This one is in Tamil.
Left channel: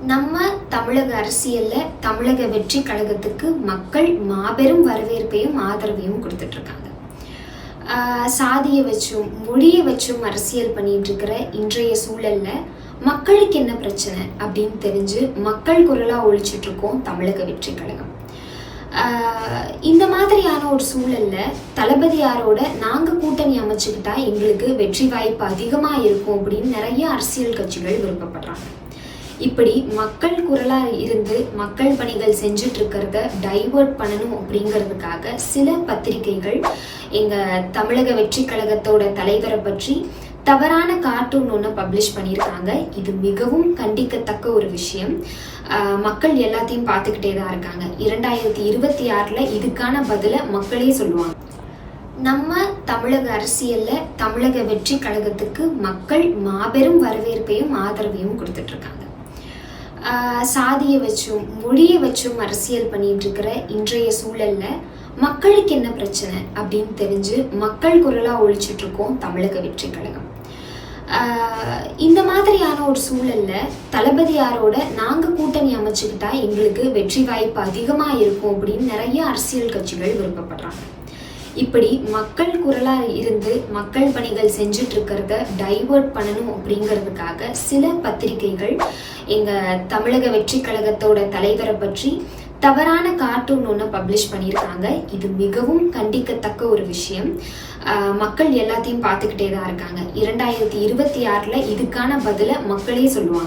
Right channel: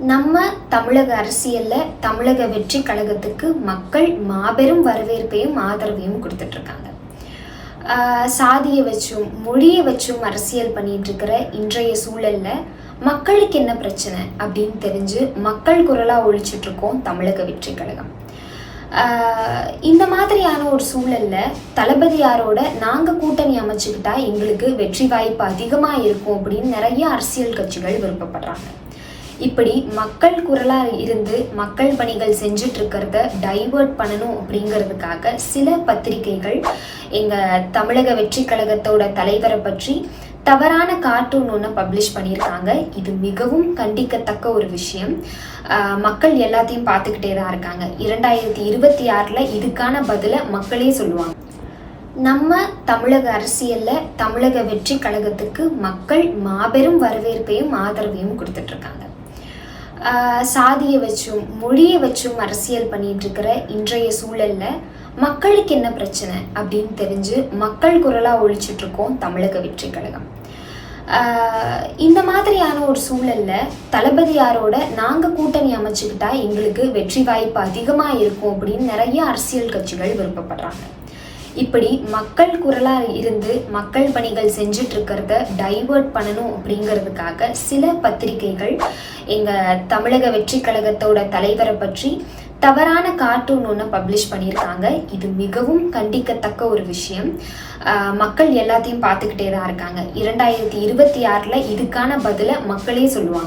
நம்ம தமிழக அரசியல்ல தமிழக வெற்றி கழகத்துக்கு மக்கள் மாபெரும் வரவேற்பையும் ஆதரவையும் கொடுத்துட்டு இருக்காங்க சாதியை வச்சும் மொழியை வச்சும் அரசியல் பண்ணிட்டு இருக்கிற இன்றைய சூழல்ல மக்களுக்கு என்ன பிரச்சனை அப்படின்னு தெரிஞ்சு மக்கள் குரலா ஒழிச்சிட்டு இருக்கோம் தமிழக வெற்றி கழகம். இந்த மாதிரியான ஒரு சூழல்ல தளபதியாரோட நாங்க கூட்டணி அமைச்சுக்கிட்டா எங்களுக்கு வெற்றி வாய்ப்பு அதிகமா இருக்கும் அப்படின்னு நிறைய அரசியல் கட்சிகள் விருப்பப்படுறாங்க. இப்படி மக்கள் குரலாக இருந்து மக்கள் பணிகள் செஞ்சுட்டு இருக்கிறத டைவர்ட் பண்ணணும் அப்படிங்கிறதுக்காக சில பத்திரிகைகள் எங்க தமிழக வெற்றி கழகத்தோட தலைவரை பற்றி தவறான கார்ட்டூன் ஒன்று பப்ளிஷ் பண்ணியிருக்காங்க. இது மிகவும் கண்டிக்கத்தக்க ஒரு விஷயம். மக்கள் எல்லாத்தையும் பார்த்துக்கிட்டே தான் இருக்காங்க. இரண்டாயிரத்தி இருபத்தி ஆறில் இதுக்கான பதிலை மக்களே சொல்லுவாங்க. நம்ம தமிழக அரசியலில் தமிழக வெற்றி கழகத்துக்கு மக்கள் மாபெரும் வரவேற்பையும் ஆதரவையும் கொடுத்துட்ருக்காங்க. சாதியை வச்சும் மொழியை வச்சும் அரசியல் பண்ணிட்டு இருக்கிற இன்றைய சூழல்ல மக்களுக்கு என்ன பிரச்சனை அப்படின்னு தெரிஞ்சு மக்கள் குரலாக ஒழிச்சிட்ருக்கோம் தமிழக வெற்றி கழகம். இந்த மாதிரியான ஒரு சூழல்ல தளபதியாரோட நாங்கள் கூட்டணி அமைச்சுக்கிட்டா எங்களுக்கு வெற்றி வாய்ப்பு அதிகமாக இருக்கும் அப்படின்னு நிறைய அரசியல் கட்சிகள் விருப்பப்படுறாங்க. இப்படி மக்கள் குரலாக இருந்து மக்கள் பணிகள் செஞ்சுட்டு இருக்கிறத டைவர்ட் பண்ணணும் அப்படிங்கிறதுக்காக சில பத்திரிகைகள் எங்கள் தமிழக வெற்றி கழகத்தோட தலைவரை பற்றி தவறான கார்ட்டூன் ஒன்று பப்ளிஷ் பண்ணியிருக்காங்க. இது மிகவும் கண்டிக்கத்தக்க ஒரு விஷயம். மக்கள் எல்லாத்தையும் பார்த்துக்கிட்டே தான் இருக்காங்க. இரண்டாயிரத்தி இருபத்தி ஆறில் இதுக்கான பதிலை மக்களே சொல்லுவாங்க.